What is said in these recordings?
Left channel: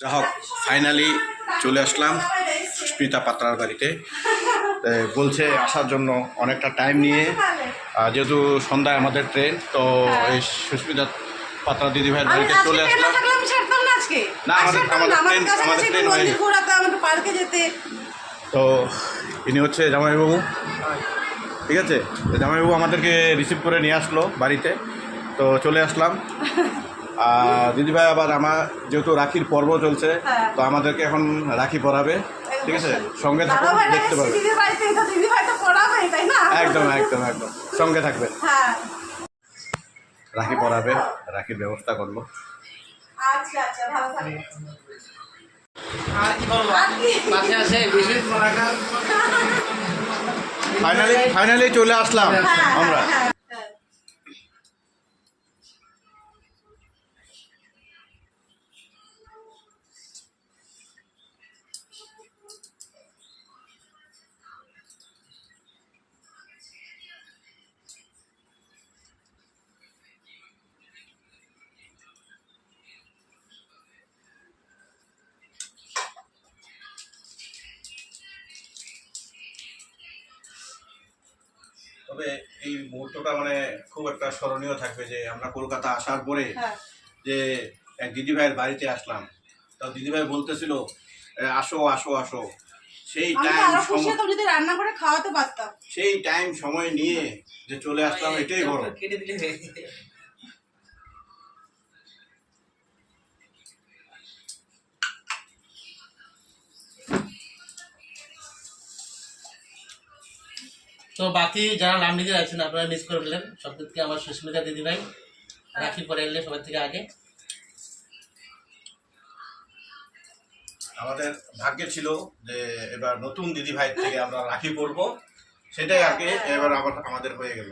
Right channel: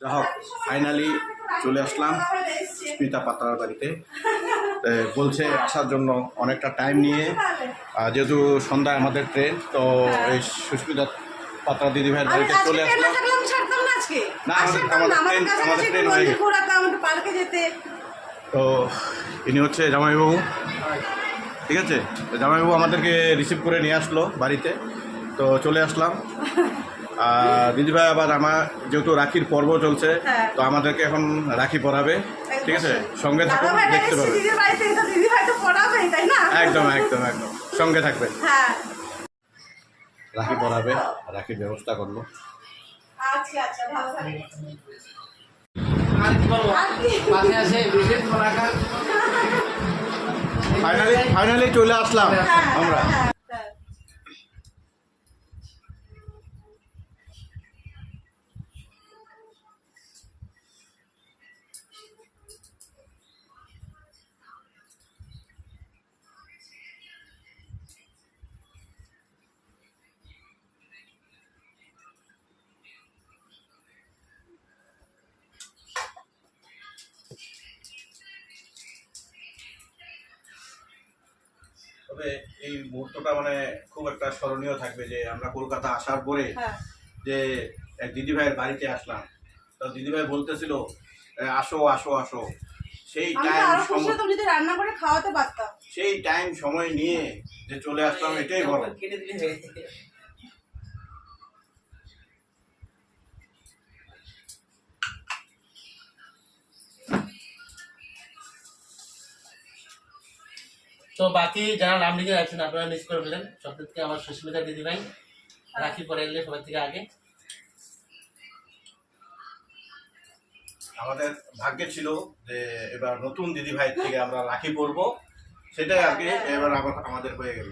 যা হোক ফাইনালি চলে আসলাম সুস্মিতা পাত্রার বাড়িতে। বলছে আসার জন্য অনেকটা টাইম নিয়ে, যেহেতু সন্ধ্যায় আমাদের ট্রেন, তো এই সুস্মিতা পাত্রা দিদিভাইয়ের বাড়িতে চলে আসলাম। না, আমাদের ট্রেন হয়ে তো ইনি হচ্ছে জামাইবাবু, ঠিক আছে। জামাইবাবু আমাদেরকে রিসিভ করে নিয়ে আসলো বাড়িতে, তো চলে আসলাম। দিদিভাই আবার আমার যেহেতু রাখির পর্ব চলছে, তো আমাদেরকে এখন রাখি পরাবে, ঠিক আছে। সঙ্গে থাকুন, দেখতে পাবেন। একদম একদম একদম সঙ্গে থাকবেন। রাখি পরাবে, রাখির ব্যবস্থা করলো। ফাইনালি চলে আসলাম আমরা। তবে এই মুহূর্তটা মানে খুব একটা স্মরণীয় থাকবে, যে আমরা কলকাতা আসার পরে যে এক দিদিভাইয়ের বাড়িতে আসলাম, তো দিদিভাই বলতেছিল আসো আসো আসো, সেই রান্না করে খাওয়াতে পারতাম, সেই টাইম সময় নিয়ে যে চলে আসলাম, এটাই বড়। তো বাকি যারা নাম লিখে যাচ্ছেন আপনারা মিস করে ফেলেন। সব থেকে আমার সুস্মিতা দিদিভাই রাখি পরে এলে সবার থেকে আগে। আমাদের ভাগ্যে ছিল যে এবার নতুন দিদিভাই থেকে আমরা রাখি পরবো, সেটাই আর কি এবার আবার আমাদের হয়ে গেল।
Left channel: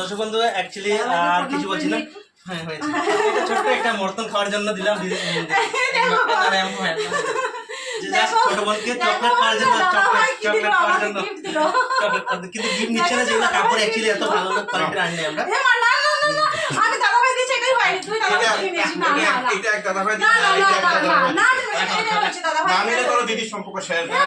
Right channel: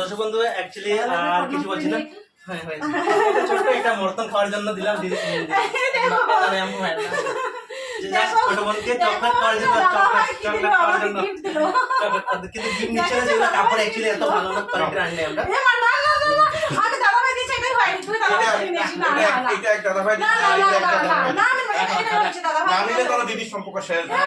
দর্শক বন্ধু, অ্যাকচুয়ালি আর কিছু বলছি না। হ্যাঁ হয়েছে, ছোট্ট একটা মর্তন খাওয়ার জন্য দিলাম দিদি। ছোট বোনকে চকলেট খাওয়ার জন্য, চকলেট খাওয়ার জন্য চকলেট, কিন্তু গিফট নিচ্ছে না, যেগুলো কাপড় অ্যাকচুয়ালি এত ভালো না কোয়ালিটির আনলে আমরা। আমি দাদাভাই দিয়েছি, এটাই হয়নি, তুই দাদাভাই নিয়েছিস। না এটা এক দাদাভাই, না, দিদির সম্পর্ক শেষ।